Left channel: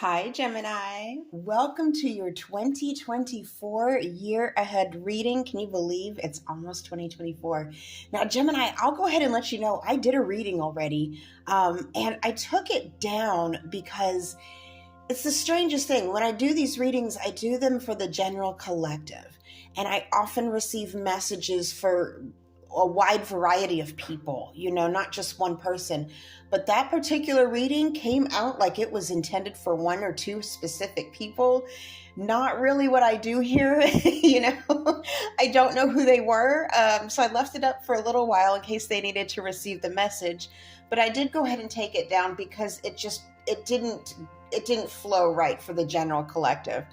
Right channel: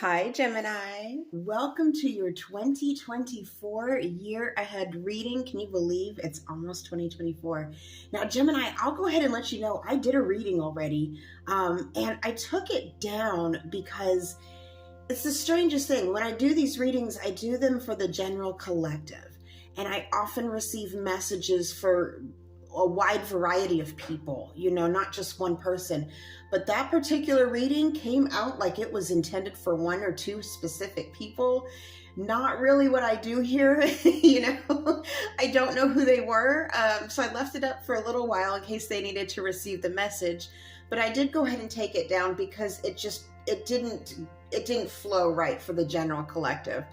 Hi, Gemini. Welcome to your 2024 year ahead reading. Can you believe it's almost 2024? Now, Gemini, I'll go ahead and let you know I did a reading already, and I took it down because it's the strangest thing. When I do these readings, I do them for the general collective, and I often receive messages for a wide variety of people, not just one person. But that particular reading came out like it was intended for one or two specific people. Not really what I do here, I don't know who they were, so I left it up for a little while in case they needed to receive the message. But I did go ahead and take it down because it didn't flow right for the general collective.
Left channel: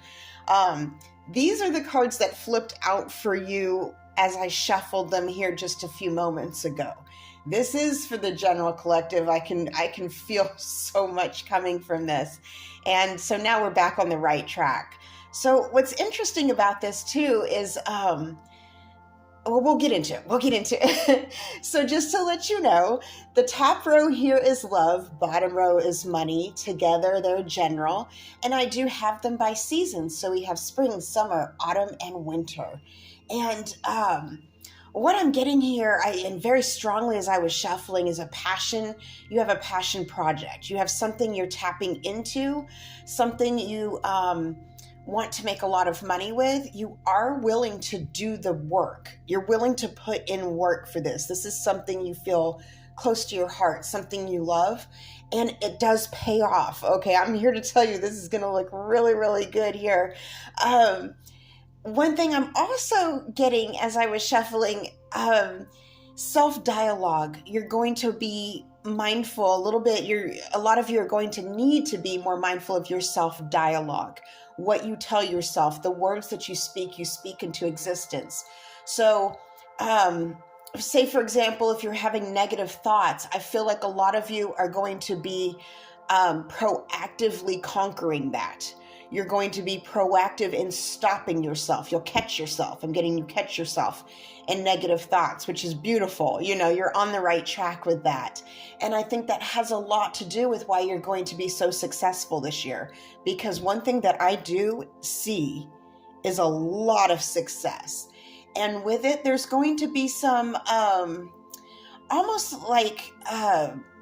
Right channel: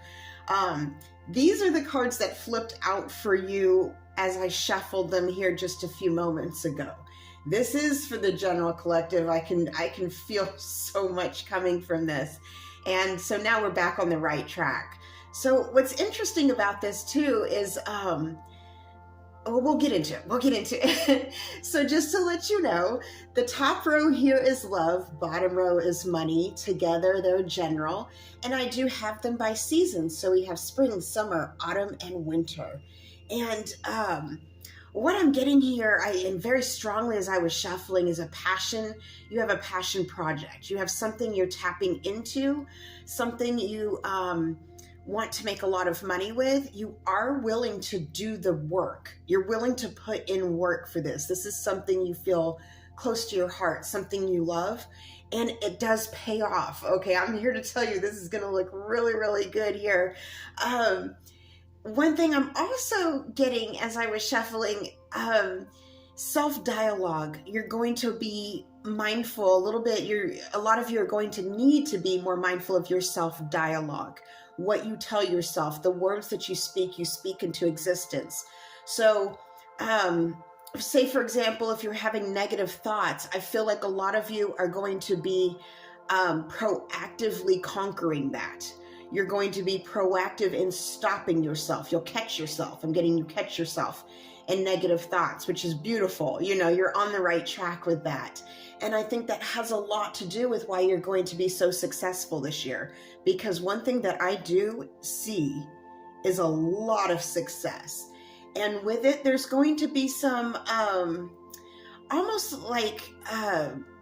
These are the cards that flipped out for you as I shuffled them here just a few moments ago. This is for the general collective. I can feel so much coming from this. And so now we're back on the right track. So what's interesting about this too is, we'll get into it. So just to let you know, the top row here is love, bottom row is money. Together they're general. And I do have them by seasons. So we have spring, summer, autumn, and winter. And what I'm getting here, and very strongly as I was shuffling, is a passion. You have a passion project. You have something you're tapping into, something you want to make a lot of money with. You are willing to do the work. You're willing to put in work for this. This is something you feel close to your heart, something you love, and it does pay off. Okay, I'm here to tell you this is going to look really, really good here. One thing I'm also getting as I was shuffling, self-dialogue. You're going to be mindful a little bit. A lot of you are going to need to be more mindful of your self-dialogue. What you tell yourself, the words that you speak into existence. So, say for example, if you're having negative thoughts, I feel like a lot of you are going to be proactively conquering that. You're going to be proactive in stopping yourself. You'll catch yourself. I'm getting you catch yourself in negative thoughts, which is beautiful. You're on the right track with that. And I think that has a lot to do with why you're going to be so successful this year. Because one thing that I do see is a lot of success. And with it, there's going to be some almost like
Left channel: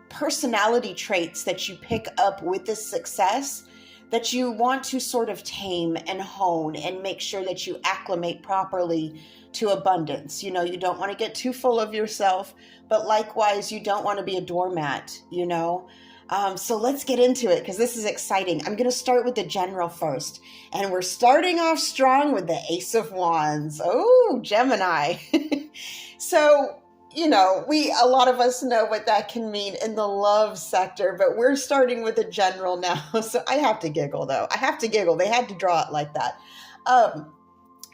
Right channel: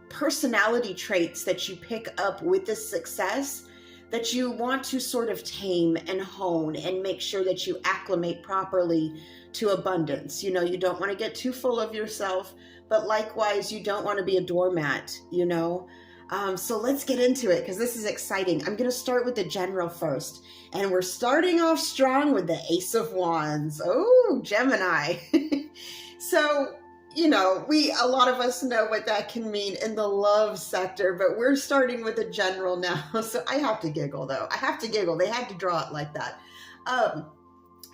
personality traits that you pick up with this success that you want to sort of tame and hone and make sure that you acclimate properly to abundance. You don't want to get too full of yourself, but likewise, you don't want to be a doormat, So let's get into it because this is exciting. I'm going to start with the general first. And we're starting off strong with the Ace of Wands. Oh, Gemini. So, a lot of us know what that can mean in the love sector, but we're starting with the general now. So I have to giggle though. I have to giggle. They had to draw it like that.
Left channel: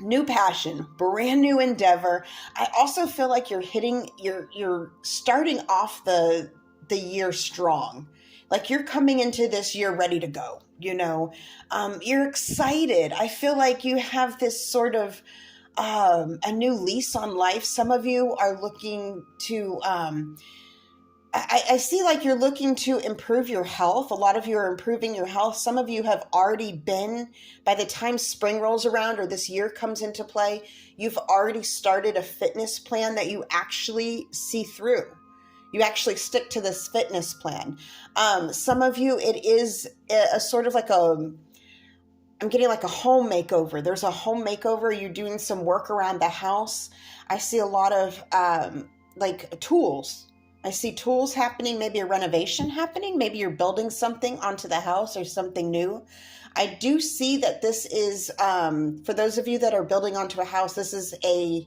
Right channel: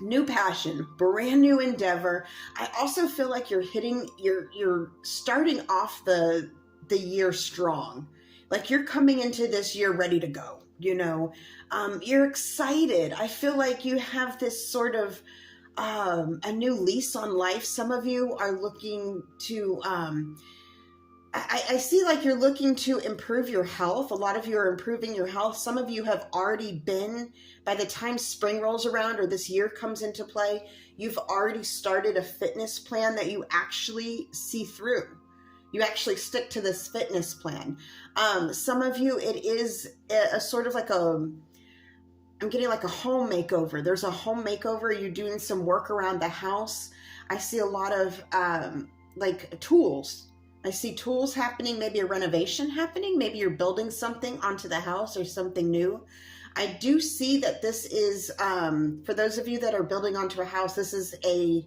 New passion, brand new endeavor. I also feel like you're starting off the year strong. Like you're coming into this year ready to go, you're excited. I feel like you have this sort of a new lease on life. Some of you are looking to, I see like you're looking to improve your health. A lot of you are improving your health. Some of you have already been, by the time spring rolls around or this year comes into play, you've already started a fitness plan that you actually see through. You actually stick to this fitness plan. Some of you, it is a sort of like I'm getting like a home makeover. There's a home makeover. You're doing some work around the house. I see a lot of like tools. I see tools happening, maybe a renovation happening. Maybe you're building something onto the house or something new. I do see that this is, for those of you that are building onto a house, this is a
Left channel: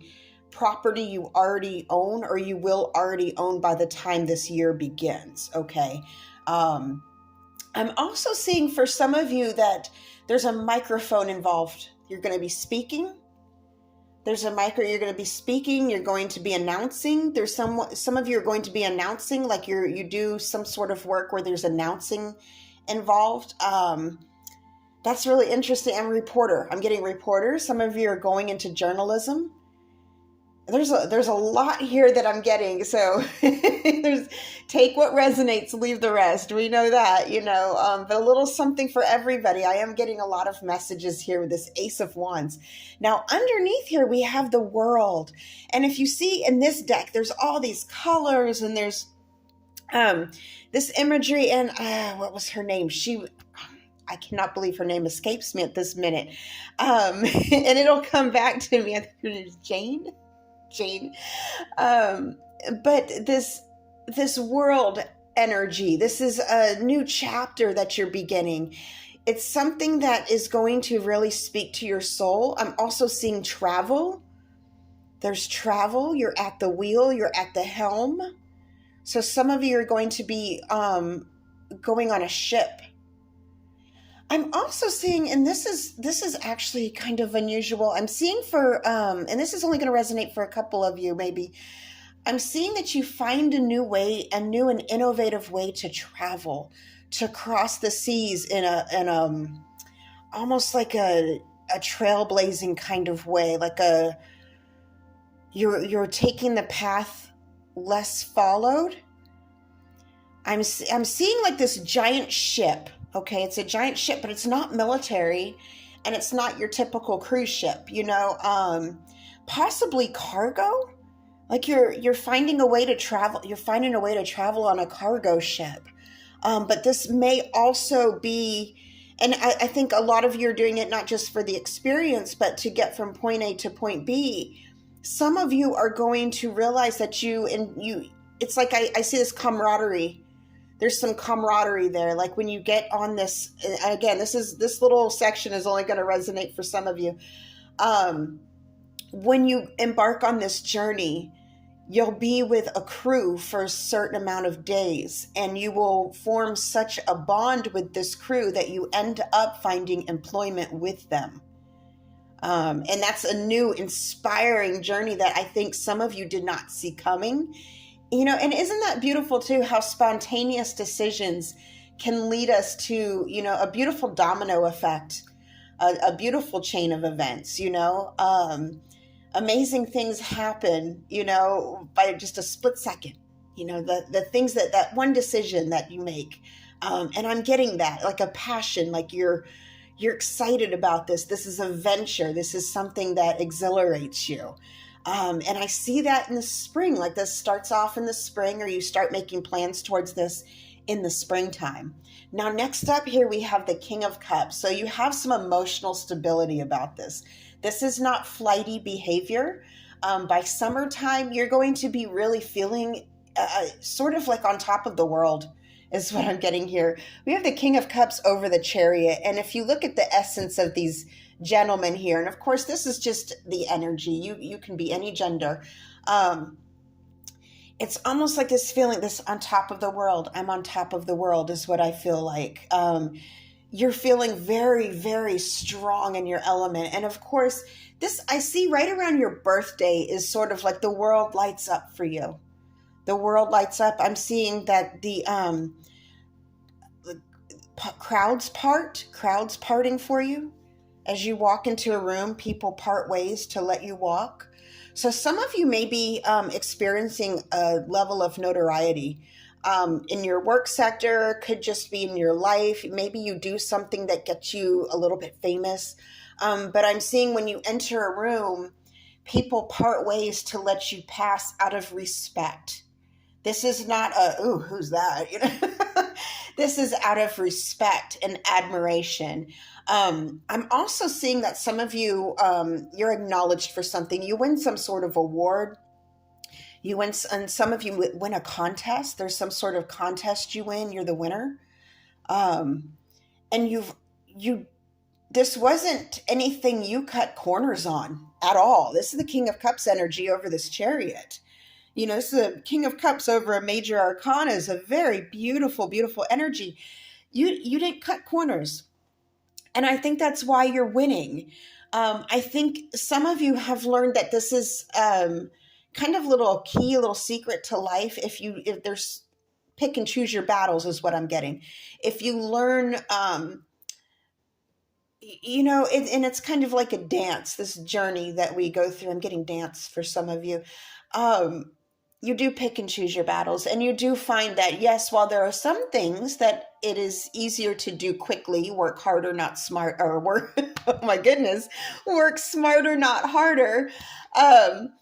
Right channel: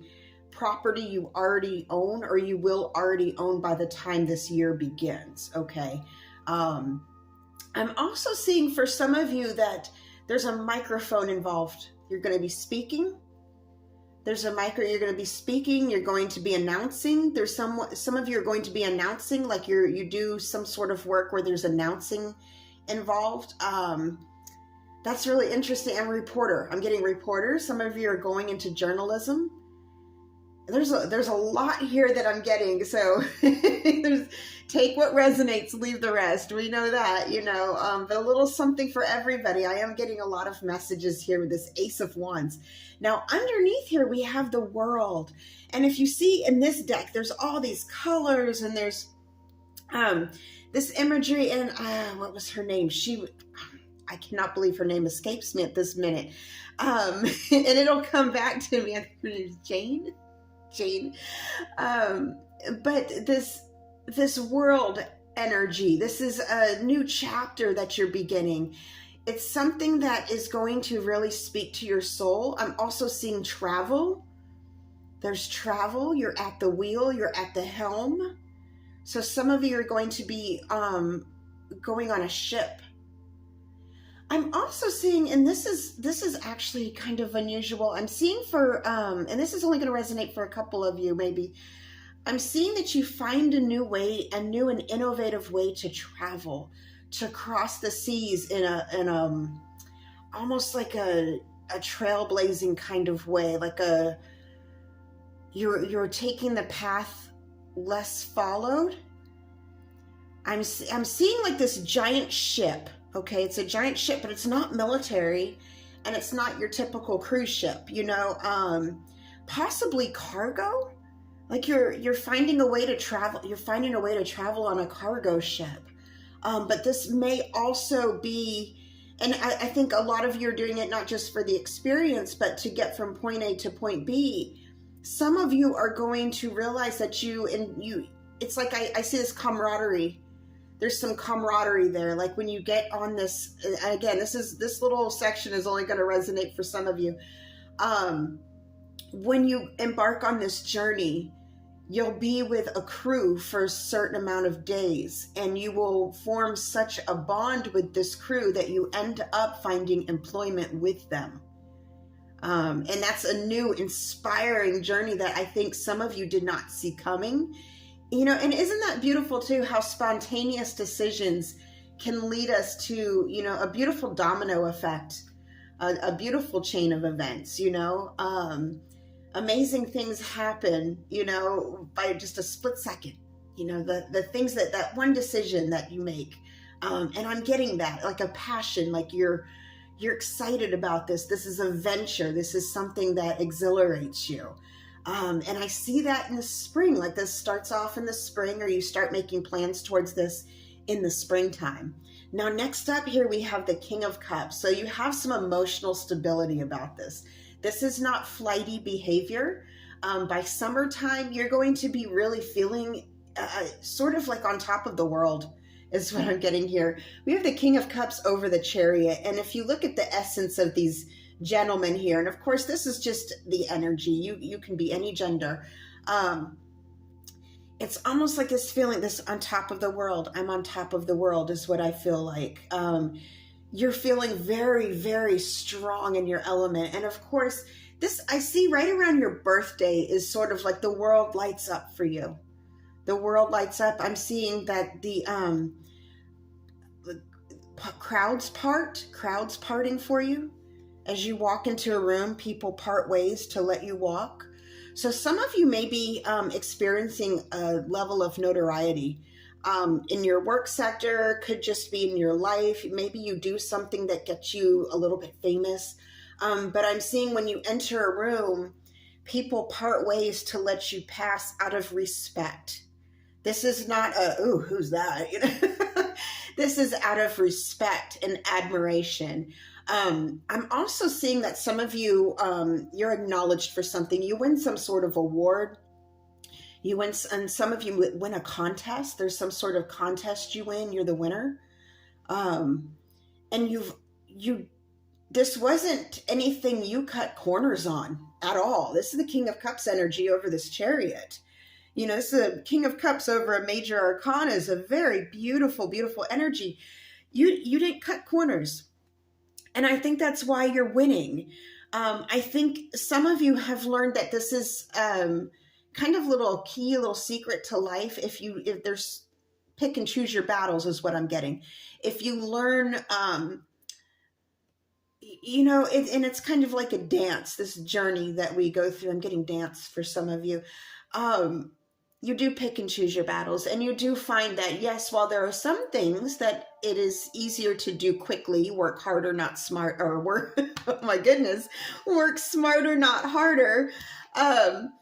property you already own or you will already own by the time this year begins, okay? I'm also seeing for some of you that there's a microphone involved. You're going to be speaking. You're going to be speaking. You're going to be announcing. There's some of you are going to be announcing, like you do some sort of work where there's announcing involved. That's really interesting. I'm getting reporters. Some of you are going into journalism. There's a lot here that I'm getting. So there's take what resonates, leave the rest. We know that, but a little something for everybody. I am getting a lot of messages here with this Ace of Wands. Now, underneath here, we have the World. And if you see in this deck, there's all these colors and there's um, this imagery. And what was her name? I cannot believe her name escapes me at this minute. And it'll come back to me. I think her name is Jane. Um, but this world energy, this is a new chapter that you're beginning. It's something that is going to really speak to your soul. I'm also seeing travel. There's travel. You're at the wheel. You're at the helm. So some of you are going to be going on a ship. I'm also seeing, and this is actually kind of unusual. I'm seeing and this is only going to resonate for a couple of you, maybe. I'm seeing that you find a new way, a new and innovative way to travel, to cross the seas in almost like a trailblazing kind of way, like you're taking the path less followed. I'm seeing like this giant ship. Okay, it's a giant ship, but it's not military, and it's not your typical cruise ship. Possibly cargo. Like you're finding a way to travel. You're finding a way to travel on a cargo ship. But this may also be, and I think a lot of you are doing it not just for the experience, but to get from point A to point B. Some of you are going to realize that it's like I see this camaraderie. There's some camaraderie there. Like when you get on this, again, this little section is only going to resonate for some of you. When you embark on this journey, you'll be with a crew for a certain amount of days, and you will form such a bond with this crew that you end up finding employment with them. And that's a new, inspiring journey that I think some of you did not see coming. And isn't that beautiful too, how spontaneous decisions can lead us to, a beautiful domino effect, a beautiful chain of events, amazing things happen, by just a split second, the things that one decision that you make. And I'm getting that, like a passion, like you're excited about this. This is a venture. This is something that exhilarates you. And I see that in the spring, like this starts off in the spring, or you start making plans towards this in the springtime. Now, next up here, we have the King of Cups. So you have some emotional stability about this. This is not flighty behavior. By summertime, you're going to be really feeling sort of like on top of the world is what I'm getting here. We have the King of Cups over the Chariot. And if you look at the essence of these gentlemen here, and of course this is just the energy, you can be any gender, it's almost like this feeling, this on top of the world. I'm on top of the world is what I feel like. You're feeling very, very strong in your element. And of course this I see right around your birthday is sort of like the world lights up for you. The world lights up. I'm seeing that the crowds parting for you. As you walk into a room, people part ways to let you walk. So some of you may be experiencing a level of notoriety in your work sector, could just be in your life. Maybe you do something that gets you a little bit famous. But I'm seeing when you enter a room, people part ways to let you pass out of respect. This is not ooh, who's that? This is out of respect and admiration. I'm also seeing that some of you, you're acknowledged for something. You win some sort of award. And some of you win a contest. There's some sort of contest you win. You're the winner. And this wasn't anything you cut corners on at all. This is the King of Cups energy over this Chariot. This is the King of Cups over a major arcana is a very beautiful, beautiful energy. You didn't cut corners. And I think that's why you're winning. I think some of you have learned that this is kind of a little secret to life. If there's pick and choose your battles is what I'm getting. If you learn, and it's kind of like a dance, this journey that we go through. I'm getting dance for some of you. Um, you do pick and choose your battles, and you do find that, yes, while there are some things that it is easier to do quickly, work harder, not smart, or work, oh my goodness, work smarter, not harder. Um,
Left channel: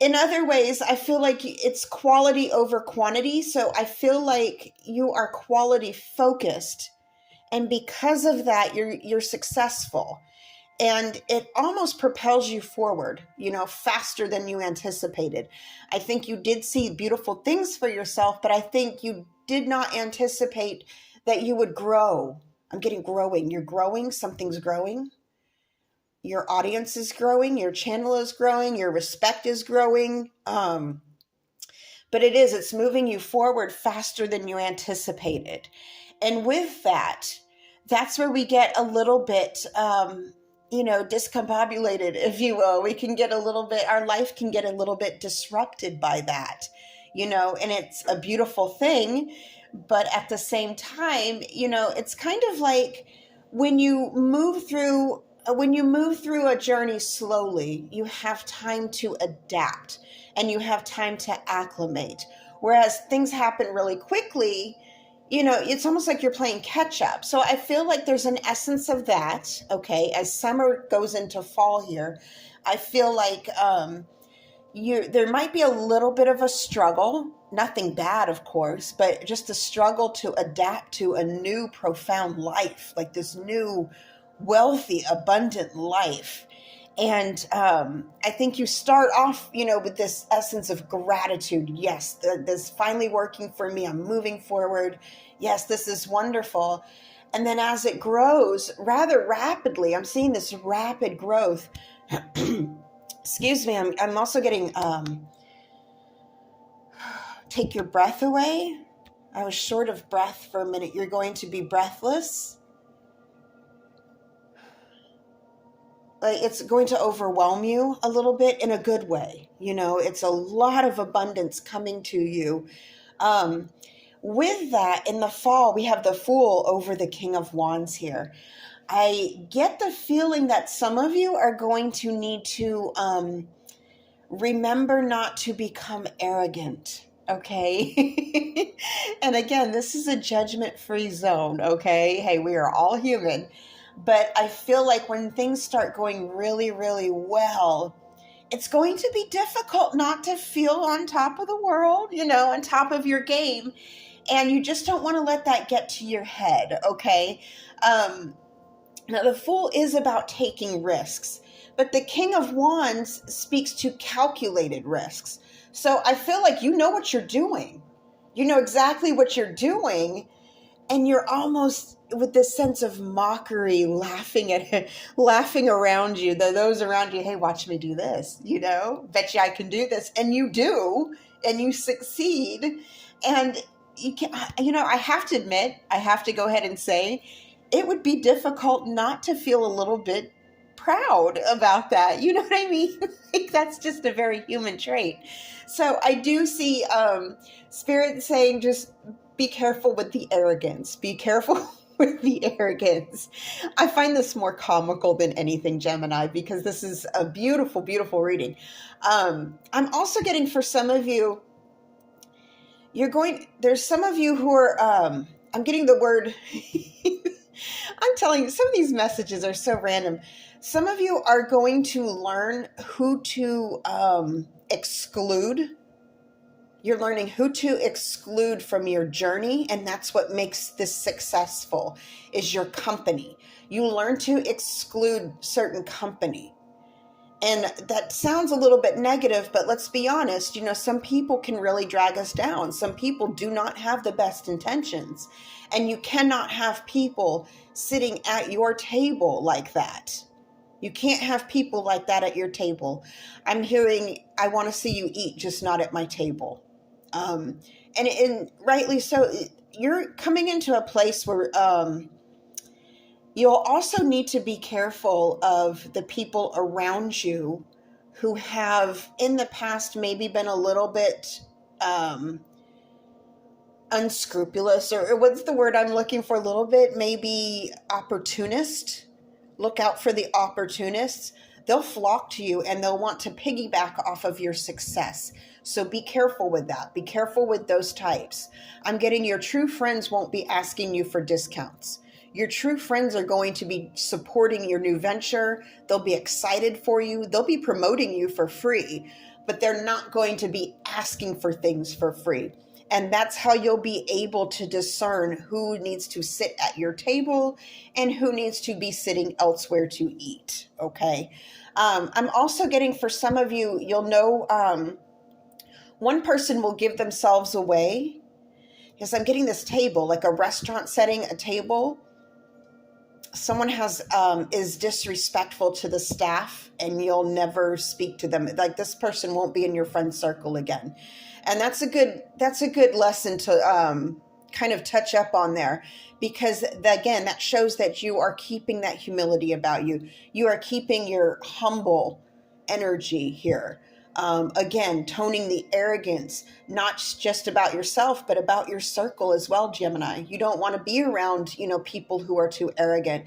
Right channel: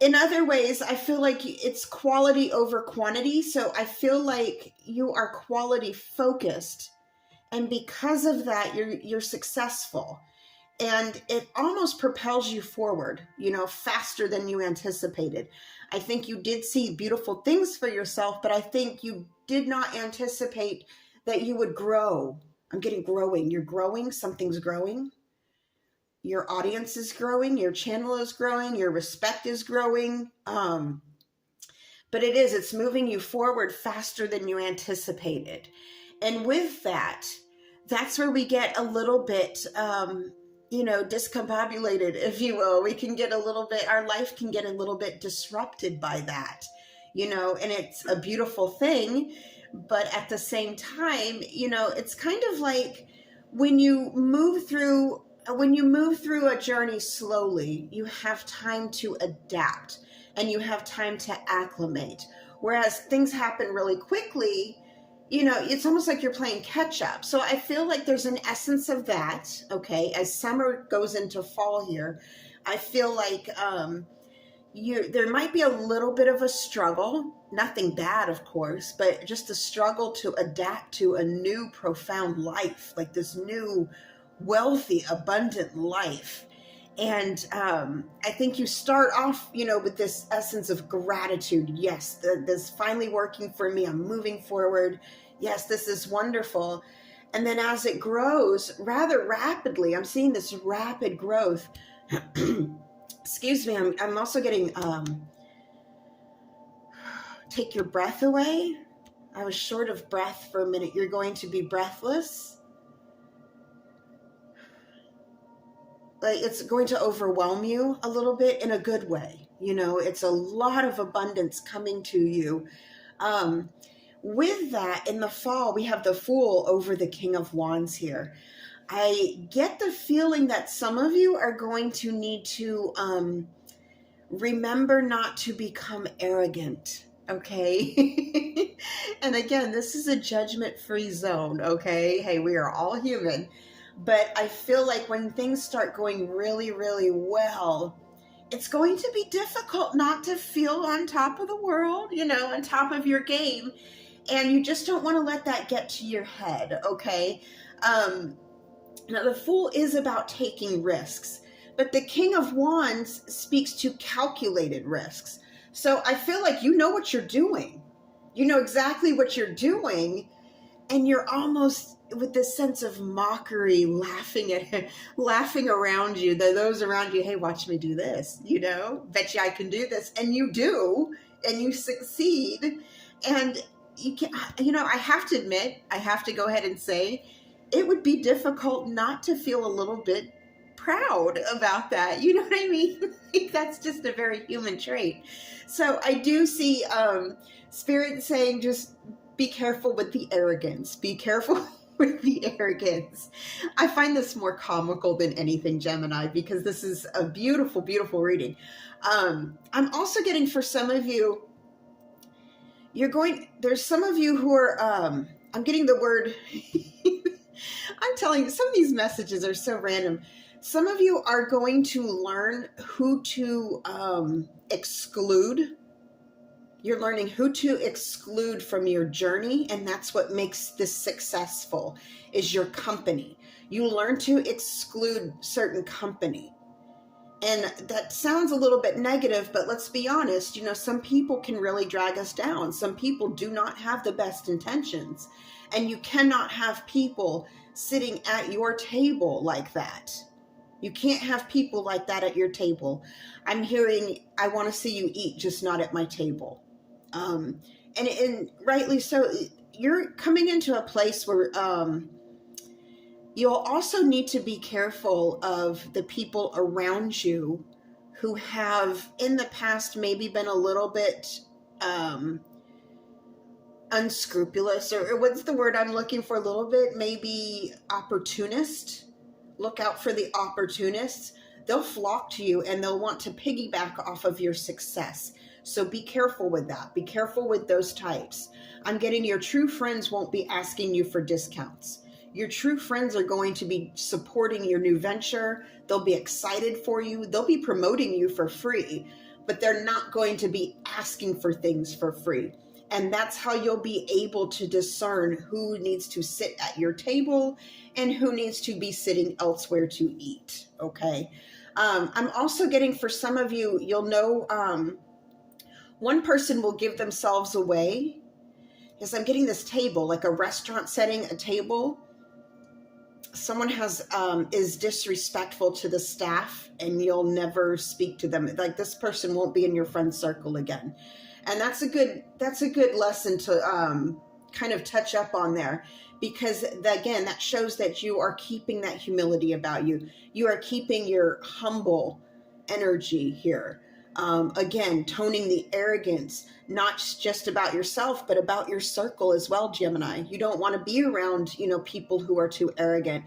in other ways, I feel like it's quality over quantity. So I feel like you are quality focused, and because of that, you're successful, and it almost propels you forward, faster than you anticipated. I think you did see beautiful things for yourself, but I think you did not anticipate that you would grow. I'm getting growing. You're growing. Something's growing. Your audience is growing. Your channel is growing. Your respect is growing. But it's moving you forward faster than you anticipated. And with that, that's where we get a little bit, discombobulated, if you will. We can get a little bit, our life can get a little bit disrupted by that, and it's a beautiful thing. But at the same time, it's kind of like when you move through a journey slowly, you have time to adapt and you have time to acclimate. Whereas things happen really quickly, it's almost like you're playing catch up. So I feel like there's an essence of that. Okay. As summer goes into fall here, I feel like, there might be a little bit of a struggle, nothing bad, of course, but just a struggle to adapt to a new profound life, like this new wealthy, abundant life. And I think you start off, with this essence of gratitude. Yes, this is finally working for me. I'm moving forward. Yes, this is wonderful. And then as it grows rather rapidly, I'm seeing this rapid growth. Excuse me, I'm also getting, take your breath away. I was short of breath for a minute. You're going to be breathless. It's going to overwhelm you a little bit in a good way. It's a lot of abundance coming to you. With that, in the fall, we have the Fool over the King of Wands here. I get the feeling that some of you are going to need to remember not to become arrogant, okay? And again, this is a judgment-free zone, okay? Hey, we are all human. But I feel like when things start going really, really well, it's going to be difficult not to feel on top of the world, on top of your game. And you just don't want to let that get to your head, okay? Now, the Fool is about taking risks, but the King of Wands speaks to calculated risks. So I feel like you know what you're doing. You know exactly what you're doing, and you're almost with this sense of mockery, laughing around you, those around you. Hey, watch me do this, bet you I can do this. And you do, and you succeed. And you can, I have to admit, I have to go ahead and say, it would be difficult not to feel a little bit proud about that. You know what I mean? Like, that's just a very human trait. So I do see Spirit saying, just be careful with the arrogance. Be careful with the arrogance. I find this more comical than anything, Gemini, because this is a beautiful, beautiful reading. I'm also getting, for some of you, there's some of you who are, I'm getting the word, I'm telling you, some of these messages are so random. Some of you are going to learn who to exclude. You're learning who to exclude from your journey, and that's what makes this successful, is your company. You learn to exclude certain company. And that sounds a little bit negative, but let's be honest, some people can really drag us down. Some people do not have the best intentions, and you cannot have people sitting at your table like that. You can't have people like that at your table. I'm hearing, I want to see you eat, just not at my table. And rightly so, you're coming into a place where you'll also need to be careful of the people around you who have in the past maybe been a little bit unscrupulous, or what's the word I'm looking for, a little bit maybe opportunist. Look out for the opportunists. They'll flock to you and they'll want to piggyback off of your success. So be careful with that. Be careful with those types. I'm getting your true friends won't be asking you for discounts. Your true friends are going to be supporting your new venture. They'll be excited for you. They'll be promoting you for free, but they're not going to be asking for things for free. And that's how you'll be able to discern who needs to sit at your table and who needs to be sitting elsewhere to eat. Okay. I'm also getting, for some of you, you'll know, one person will give themselves away. Because I'm getting this table, like a restaurant setting, a table. Someone is disrespectful to the staff and you'll never speak to them. Like, this person won't be in your friend circle again. And that's a good lesson to kind of touch up on there, because again, that shows that you are keeping that humility about you. You are keeping your humble energy here. Again, toning the arrogance, not just about yourself, but about your circle as well, Gemini. You don't want to be around, people who are too arrogant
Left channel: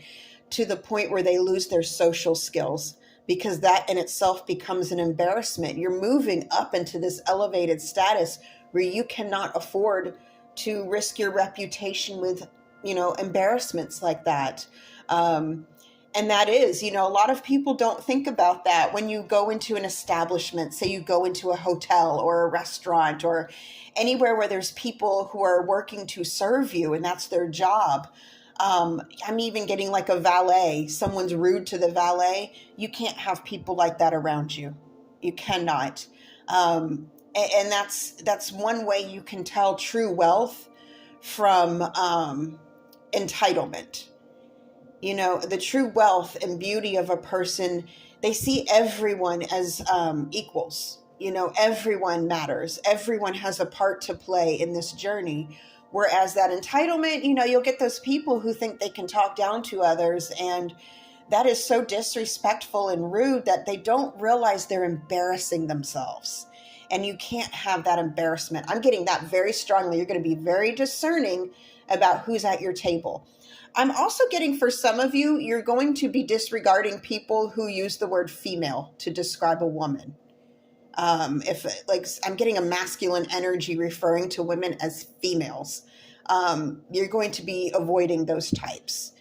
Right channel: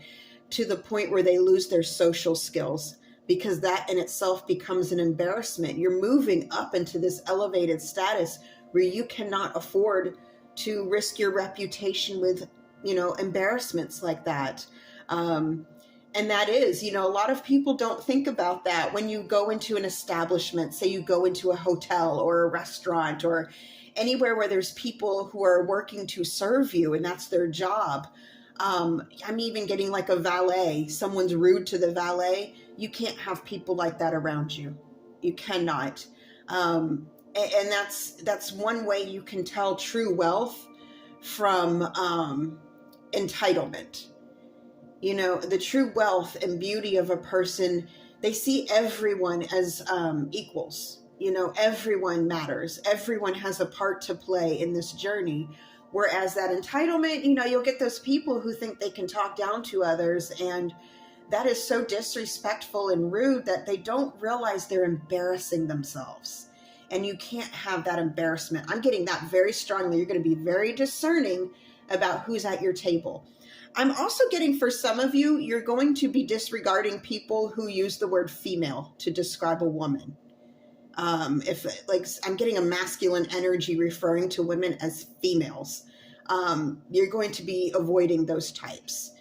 to the point where they lose their social skills, because that in itself becomes an embarrassment. You're moving up into this elevated status where you cannot afford to risk your reputation with, embarrassments like that. And that is, a lot of people don't think about that when you go into an establishment, say you go into a hotel or a restaurant or anywhere where there's people who are working to serve you and that's their job. I'm even getting like a valet. Someone's rude to the valet. You can't have people like that around you. You cannot. And that's one way you can tell true wealth from entitlement. The true wealth and beauty of a person, they see everyone as equals. Everyone matters. Everyone has a part to play in this journey. Whereas that entitlement, you'll get those people who think they can talk down to others. And that is so disrespectful and rude that they don't realize they're embarrassing themselves. And you can't have that embarrassment. I'm getting that very strongly. You're going to be very discerning about who's at your table. I'm also getting, for some of you, you're going to be disregarding people who use the word female to describe a woman. I'm getting a masculine energy referring to women as females. You're going to be avoiding those types.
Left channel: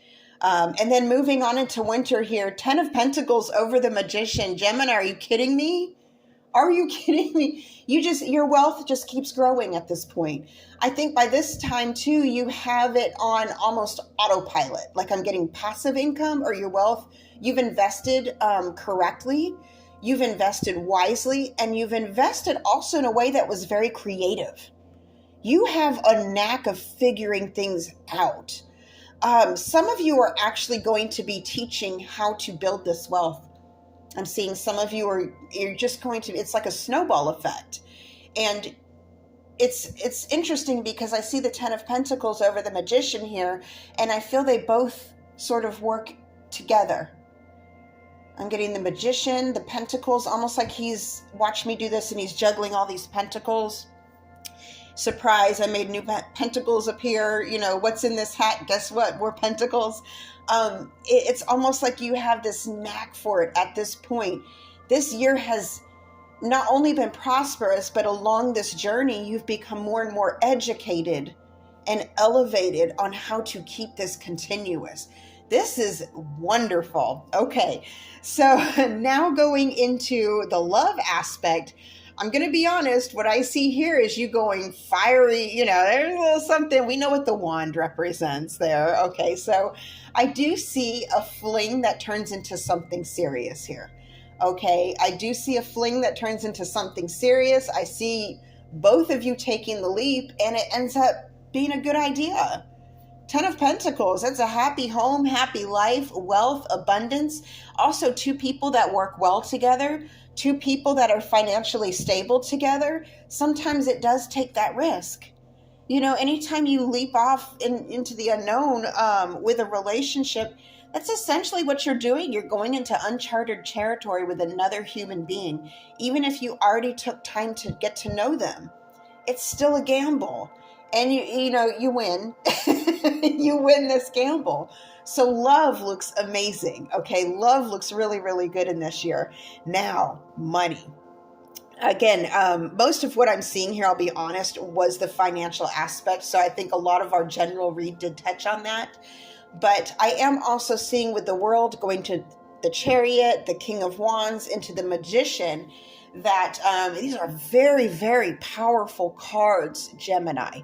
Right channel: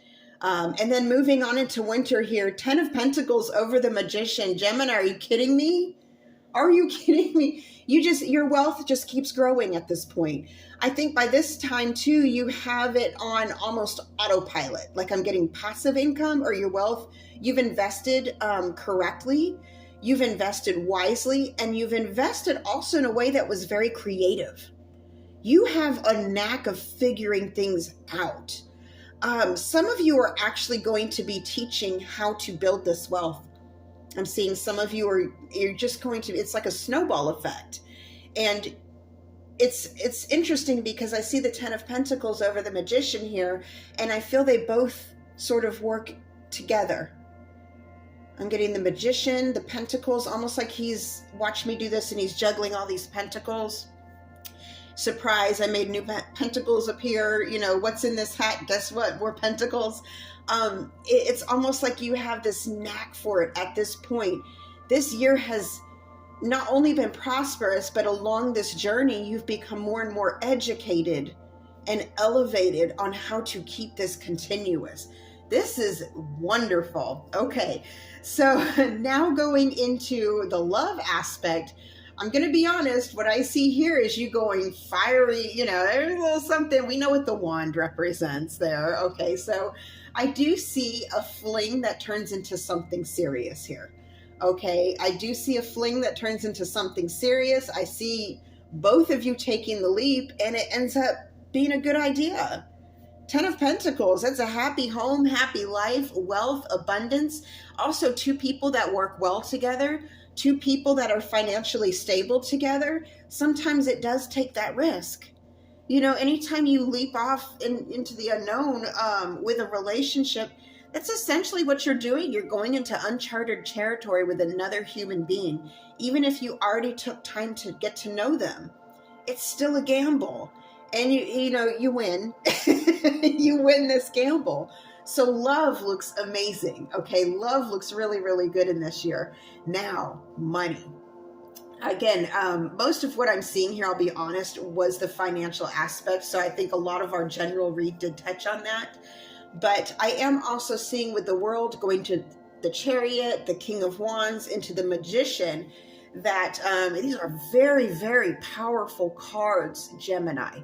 And then moving on into winter here, 10 of Pentacles over the Magician. Gemini, are you kidding me? Are you kidding me? Your wealth just keeps growing at this point. I think by this time too, you have it on almost autopilot. Like, I'm getting passive income, or your wealth, you've invested correctly, you've invested wisely, and you've invested also in a way that was very creative. You have a knack of figuring things out. Some of you are actually going to be teaching how to build this wealth. I'm seeing some of you you're just going to, it's like a snowball effect. And it's interesting because I see the 10 of Pentacles over the Magician here, and I feel they both sort of work together. I'm getting the Magician, the Pentacles, almost like he's watched me do this and he's juggling all these pentacles. Surprise, I made new pentacles appear. What's in this hat? Guess what? More pentacles. It's almost like you have this knack for it at this point. This year has not only been prosperous, but along this journey, you've become more and more educated and elevated on how to keep this continuous. This is wonderful. Okay, so now going into the love aspect, I'm going to be honest, what I see here is you going fiery, there's a little something. We know what the wand represents there. Okay, so I do see a fling that turns into something serious here. Okay, I do see a fling that turns into something serious. I see both of you taking the leap, and it ends up being a good idea. 10 of Pentacles, that's a happy home, happy life, wealth, abundance. Also, two people that work well together, two people that are financially stable together. Sometimes it does take that risk. Anytime you leap off into the unknown with a relationship, that's essentially what you're doing. You're going into uncharted territory with another human being. Even if you already took time to get to know them, it's still a gamble. And you win. You win this gamble. So love looks amazing. Okay, love looks really, really good in this year. Now, money. Again, most of what I'm seeing here, I'll be honest, was the financial aspect. So I think a lot of our general read did touch on that. But I am also seeing with the world going to the Chariot, the King of Wands, into the Magician, that these are very, very powerful cards, Gemini.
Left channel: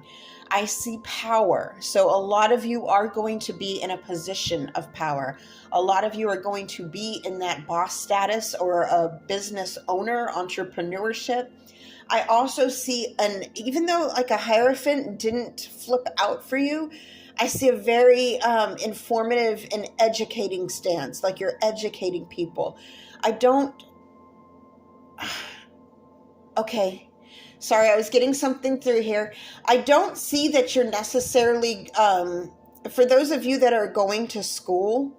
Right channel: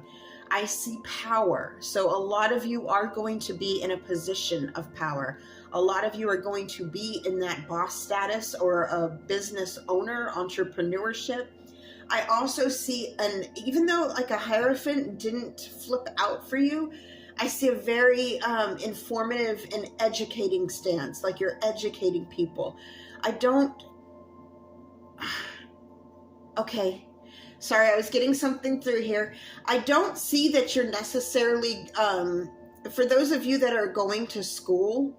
I see power. So a lot of you are going to be in a position of power. A lot of you are going to be in that boss status or a business owner, entrepreneurship. I also see even though like a Hierophant didn't flip out for you, I see a very informative and educating stance, like you're educating people. I don't, okay, sorry, I was getting something through here. I don't see that you're necessarily, for those of you that are going to school,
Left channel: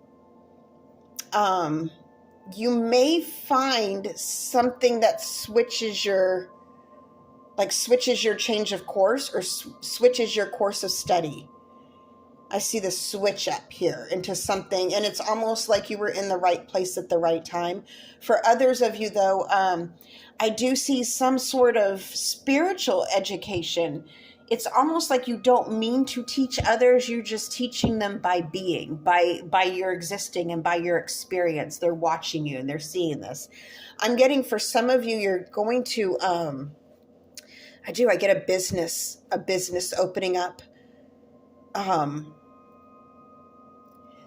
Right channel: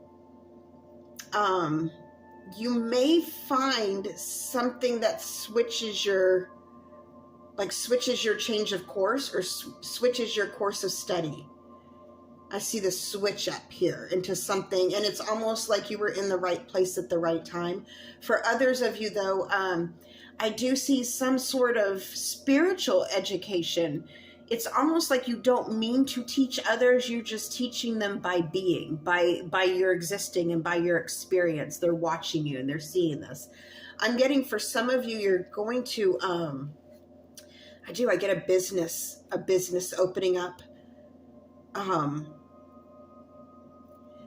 you may find something that switches your change of course or switches your course of study. I see the switch up here into something, and it's almost like you were in the right place at the right time. For others of you, though, I do see some sort of spiritual education. It's almost like you don't mean to teach others. You're just teaching them by being, by your existing and by your experience. They're watching you and they're seeing this. I'm getting for some of you, you're going to, I get a business opening up.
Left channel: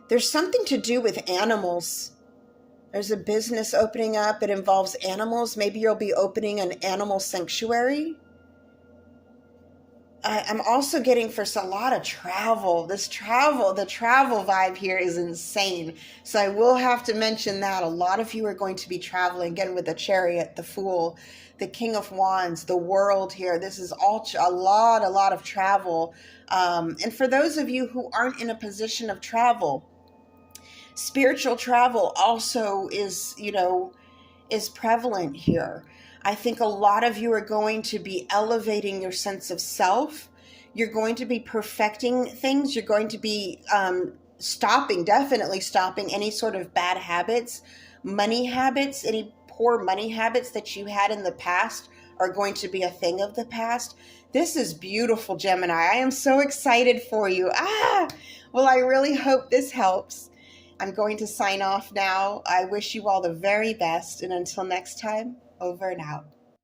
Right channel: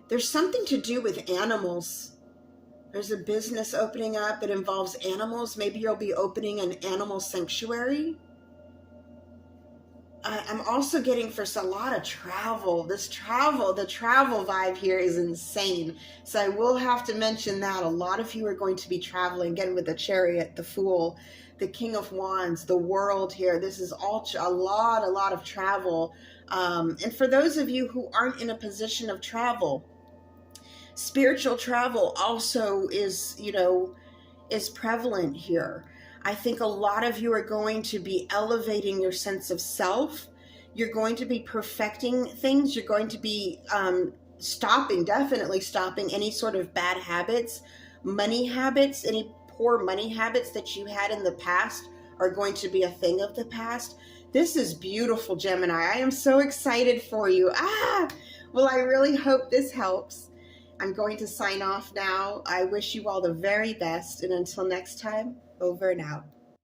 There's something to do with animals. There's a business opening up. It involves animals. Maybe you'll be opening an animal sanctuary. I'm also getting for a lot of travel. The travel vibe here is insane. So I will have to mention that. A lot of you are going to be traveling, again, with the Chariot, the Fool, the King of Wands, the World here. This is all a lot of travel. And for those of you who aren't in a position of travel, spiritual travel also is prevalent here. I think a lot of you are going to be elevating your sense of self. You're going to be perfecting things. You're going to be definitely stopping any sort of bad habits, money habits, any poor money habits that you had in the past are going to be a thing of the past. This is beautiful, Gemini. I am so excited for you. Well, I really hope this helps. I'm going to sign off now. I wish you all the very best. And until next time, over and out.